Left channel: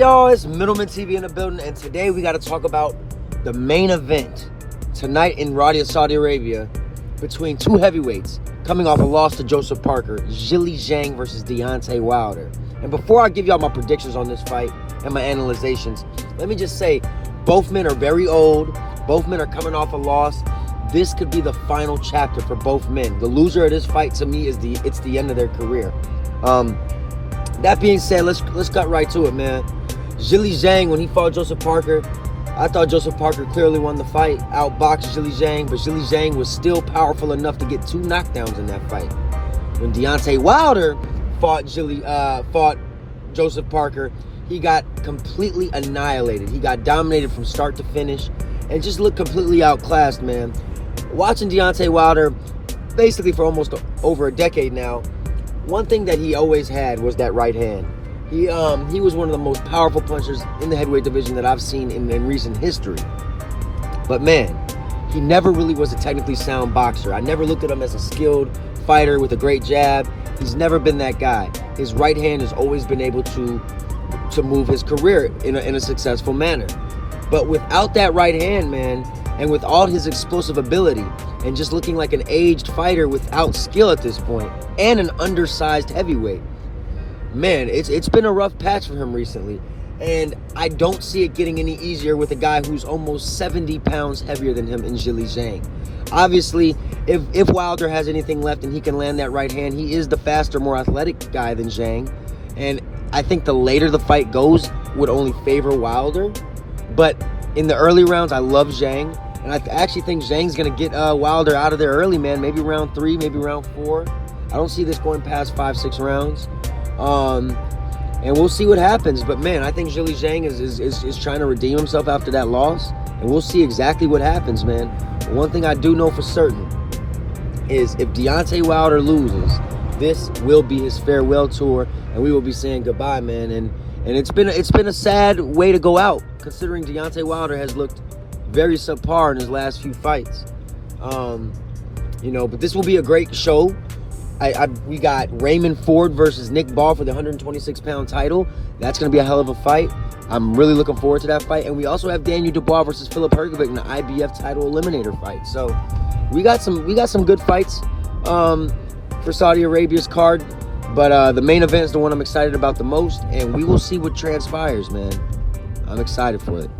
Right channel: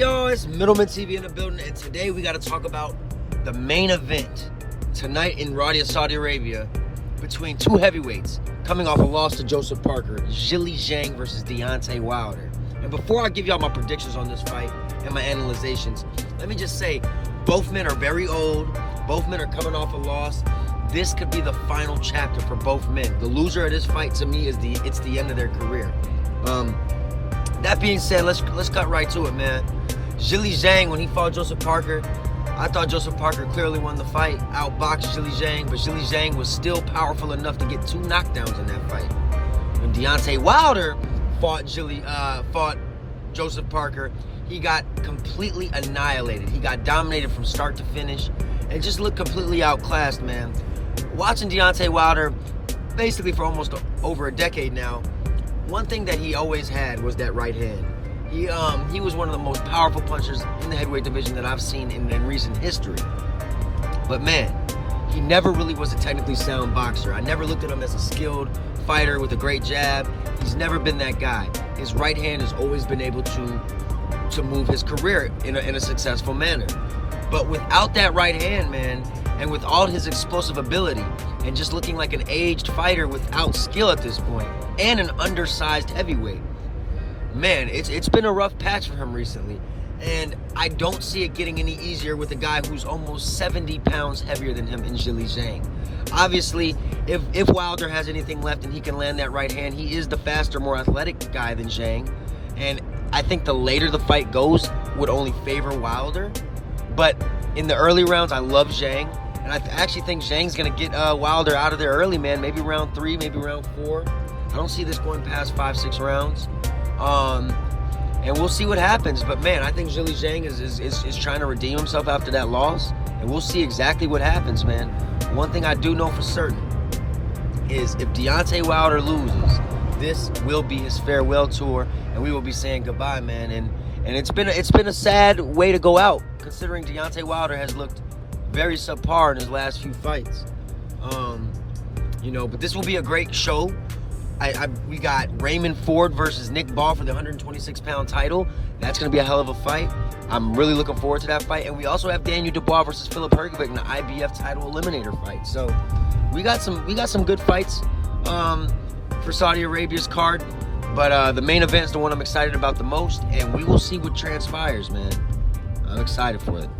y'all? It's Middleman TV in the building, and today we got to talk about the main event tonight in Riyadh, Saudi Arabia, between two heavyweights coming off a loss to Joseph Parker, Zhilei Zhang versus Deontay Wilder. And before I give y'all my predictions on this fight and my analyzations, let me just say, both men are very old. Both men are coming off a loss. This could be the final chapter for both men. The loser of this fight, to me, it's the end of their career. That being said, let's cut right to it, man. Zhilei Zhang, when he fought Joseph Parker, I thought Joseph Parker clearly won the fight, outboxed Zhilei Zhang, but Zhilei Zhang was still powerful enough to get 2 knockdowns in that fight. When Deontay Wilder fought Joseph Parker, he got completely annihilated. He got dominated from start to finish and just looked completely outclassed, man. Watching Deontay Wilder basically for almost over a decade now, one thing that he always had was that right hand. He was one of the most powerful punchers in the heavyweight division that I've seen in recent history. But man, he never really was a technically sound boxer. I never looked at him as a skilled fighter with a great jab. He's never been that guy. His right hand has always been able to move his career in a successful manner. But without that right hand, man, and with all his explosive ability, and just looking like an aged fighter without skill at this point, and an undersized heavyweight, man, it's been a rough patch for him recently. And I don't see it getting any easier with a guy who's almost 70 pounds heavier than him in Zhilei Zhang. Obviously, if Wilder has anything left and he can land that right hand, he is the faster, more athletic guy than Zhang. And I think the later the fight goes would only favor Wilder. But in the early rounds, I love Zhang. And I actually think Zhang's going to get Wilder out of there early, man. Maybe round 3, maybe round 4. I don't see this going past 5-6 rounds. And we'll see what happens. But, man, I think Zhilei Zhang is trying to redeem himself after that loss. And we'll see exactly what happens, man. One thing I do know for certain is if Deontay Wilder loses, this will be his farewell tour, and we will be saying goodbye, man. And it's been a sad way to go out, considering Deontay Wilder has looked very subpar in his last few fights. But this will be a great show. We got Raymond Ford versus Nick Ball for the 126-pound title. That's going to be a hell of a fight. I'm really looking forward to that fight. And we also have Daniel Dubois versus Filip Hrgovic in the IBF title eliminator fight. So we got some good fights for Saudi Arabia's card. But the main event is the one I'm excited about the most, and we will see what transpires, man. I'm excited for it.